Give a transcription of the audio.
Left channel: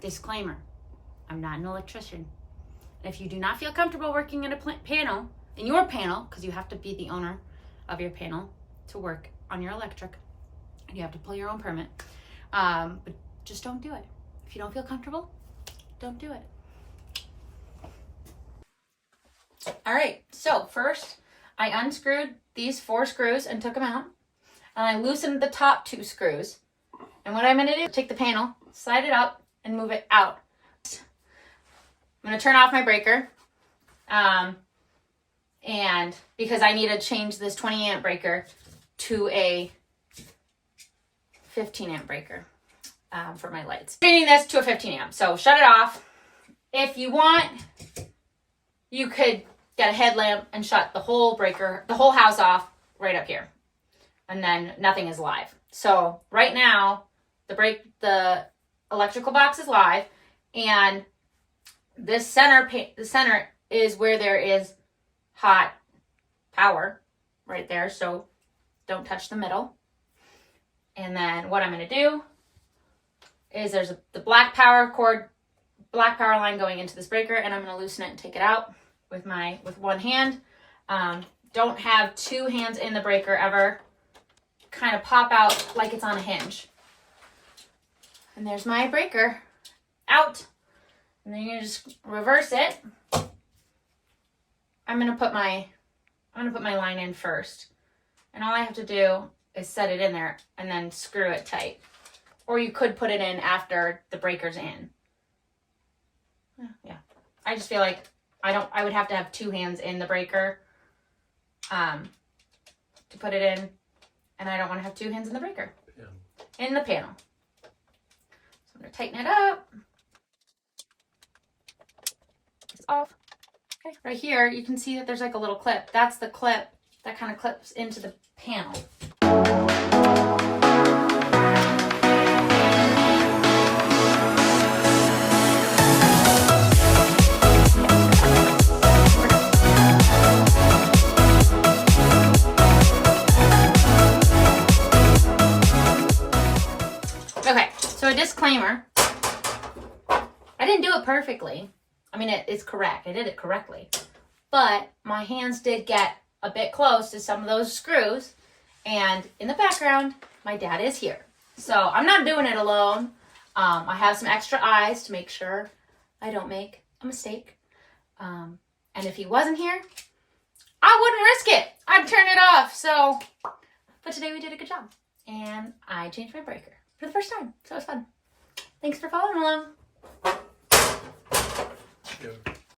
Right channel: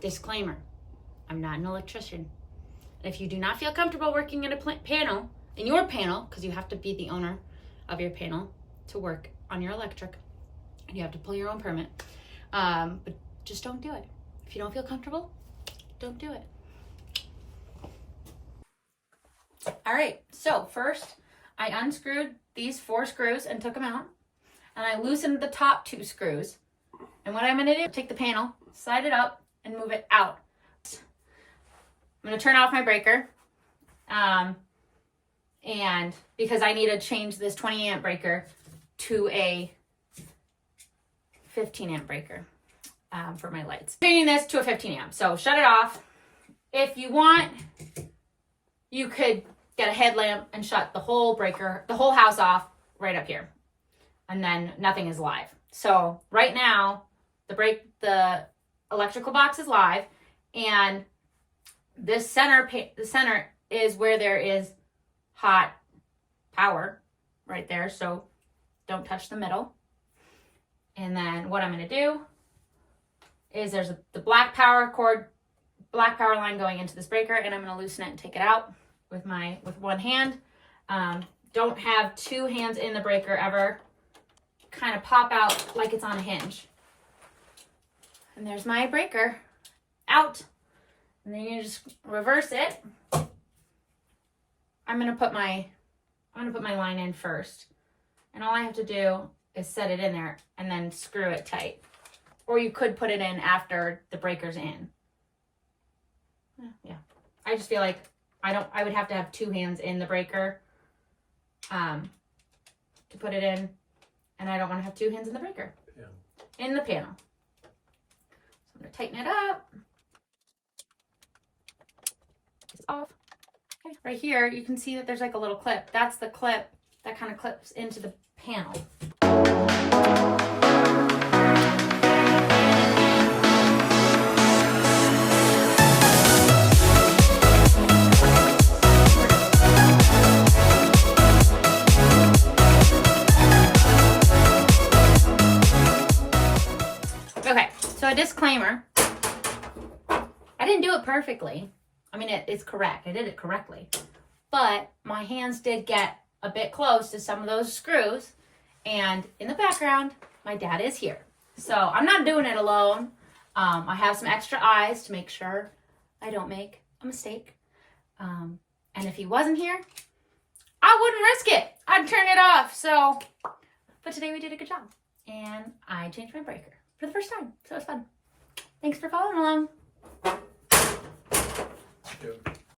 Disclaimer, I'm not an electrician. If you do not feel comfortable working in a panel, in your panel, because you have to be the owner of your panel to work on your electric, and you have to pull your own permit, but just don't do it. If you don't feel comfortable, don't do it. All right, so first I unscrewed these 4 screws and took them out, and I loosened the top 2 screws. And what I'm gonna do, take the panel, slide it up, and move it out. I'm gonna turn off my breaker, and because I need to change this 20 amp breaker to a 15 amp breaker for my lights. Changing this to a 15 amp, so shut it off. If you want, you could get a headlamp and shut the whole breaker, the whole house off right up here, and then nothing is live. So right now, the electrical box is live, and this the center is where there is hot power right there. So don't touch the middle. And then what I'm going to do is there's the black power line going into this breaker, and I'm going to loosen it and take it out with one hand. Don't have 2 hands in the breaker ever. Kind of pop out like it's on a hinge. And there's my breaker out. And then you just reverse it. I'm gonna put my line in first. And all I have to do is set it in there and then screw it tight. Or you could put it in after the breaker's in. Yeah. I just feel like I would have to have 2 hands in the breaker to put it in. And I don't want to have 2 hands in the breaker. In the panel. So I'm going to tighten it up. It's off. Okay. Right here, you can see that there's like a little clip. That's the clip that kind of clips into the panel. Okay, so a disclaimer. I didn't do it perfectly. I mean, it's correct. I did it correctly. But my hands did get a bit close to some of those screws. And in the background, my dad is here. So I'm not doing it alone. I have some extra eyes to make sure I don't make a mistake. And if he wasn't here, I wouldn't risk it. I'd turn it off. So, but today we did a good job. And I changed my breaker for the first time. So it was fun. Thanks for following along.